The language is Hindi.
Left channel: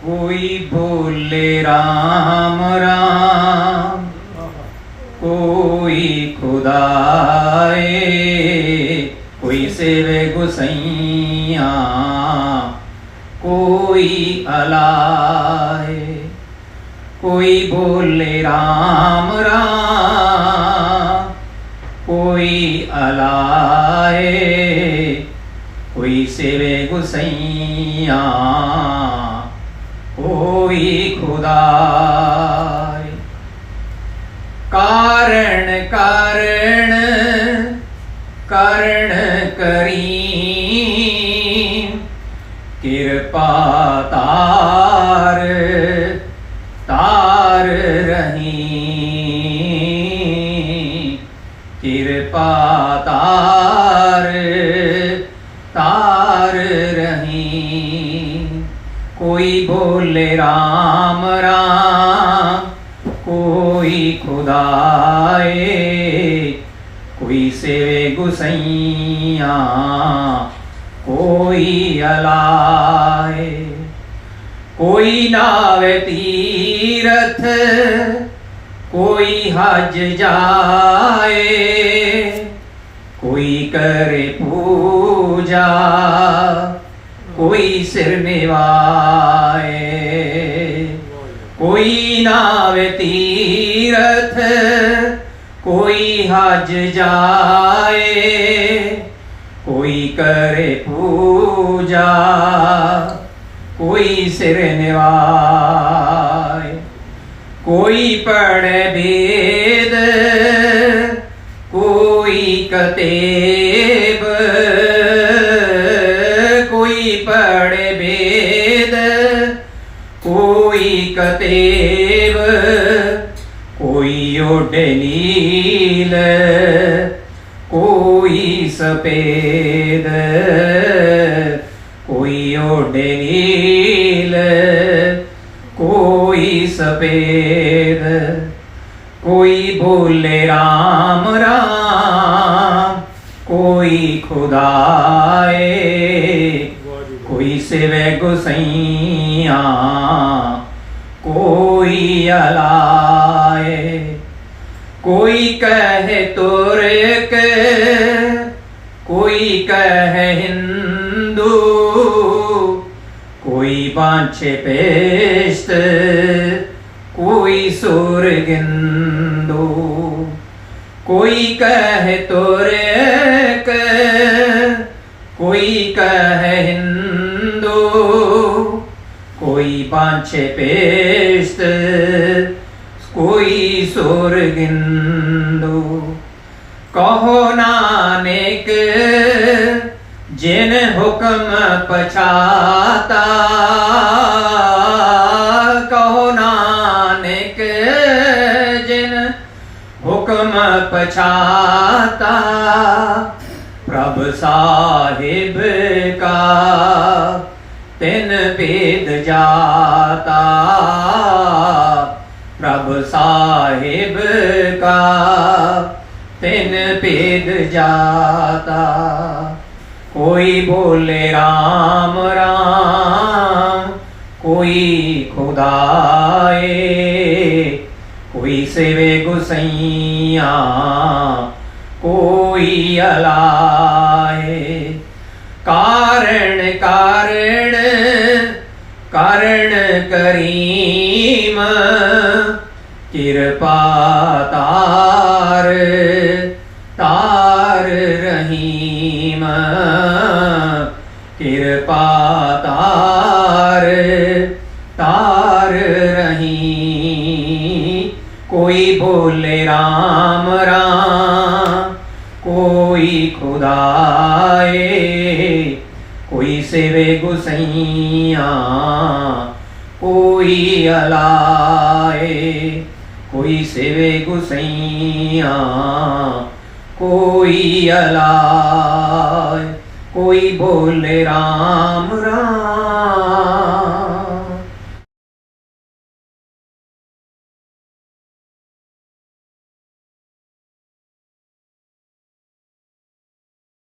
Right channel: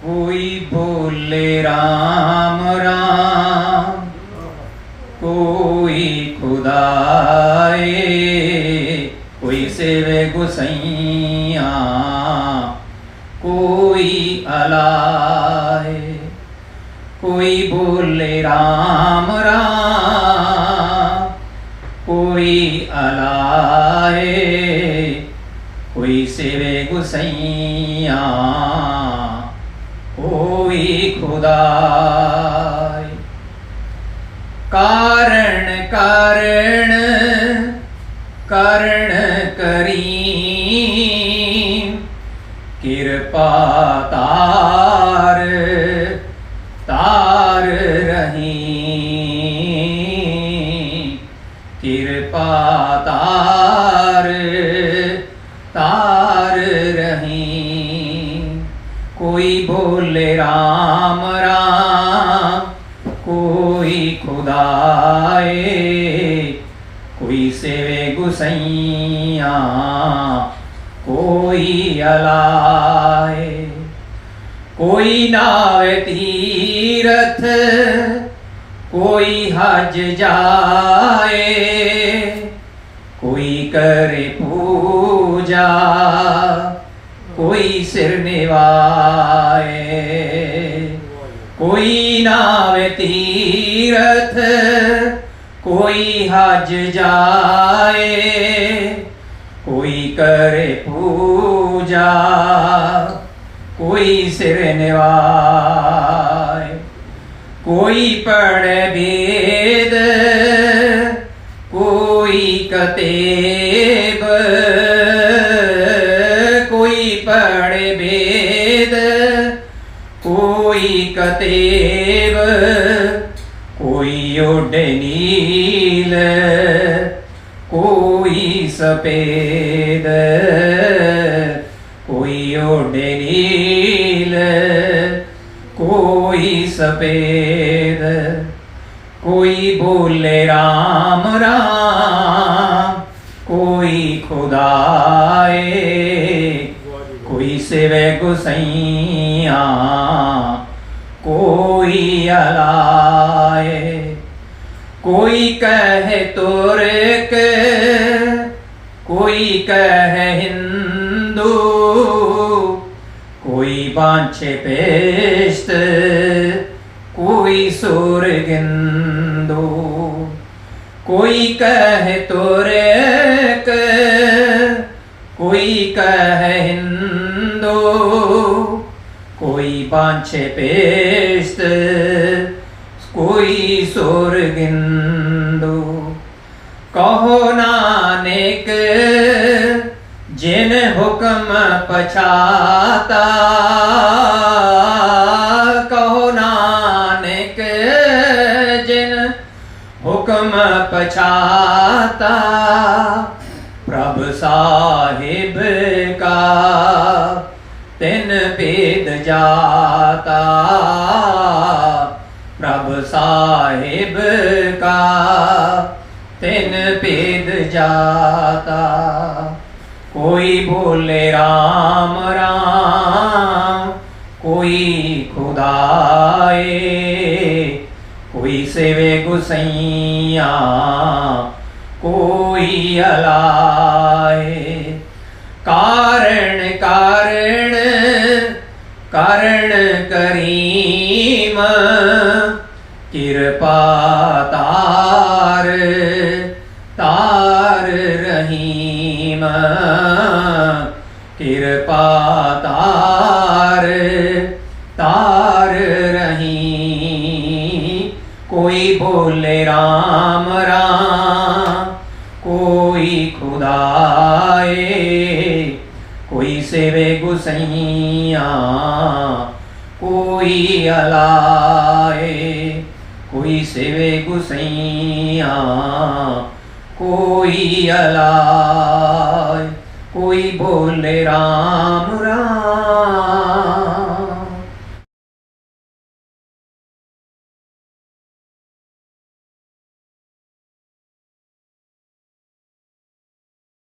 कोई बोले राम राम। कोई खुदाए, कोई सेवे गुसैया कोई अलाए, कोई बोले राम राम। कोई अलाए, कोई सेवे गुसैया कोई खुदाए कारण कारण करण करी कृपा बोले, राम राम, कोई खुदाए, कोई सेवे गुसैया, कोई अलाए, कोई नाव तीरथ, कोई हज जाए, कोई करे पूजा कोई सिर निवाए, कोई नाव तीरथ, कोई हज जाए, कोई करे पूजा, कोई सिर निवाए, कोई पढ़ वेद, कोई कतेब कोई कतेब कोई ओड नील कोई सफ़ेद कोई ओड नील कोई सफ़ेद कोई बोले राम राम कोई खुदाए कोई सिवे गुसैया, कोई अलाए, कोई कहे तुर्क कोई कहे हिंदू, कोई बांछे पेस्त कोई सुरगिंदू, कोई कहे तुर्क कोई कहे बांछे पेस्त कोई सुरगिंदू। कहो नानक जिन हुक्म पछाता। कहो नानक जिन हुक्म पछाता। जाता। प्रभु साहिब का तिन भेद जाता। कोई बोले राम राम। कोई खुदाए। कोई सेवे गुसैया। कोई अलाए। कारण कारण कारण करीम, कृपा तार तार रहीम, कृपा तार तार रही कोई बोले राम राम, कोई खुदाए सेवे गुसैया कोई अलाए कोई सेवे गुसैया कोई अलाए कोई बोले राम राम।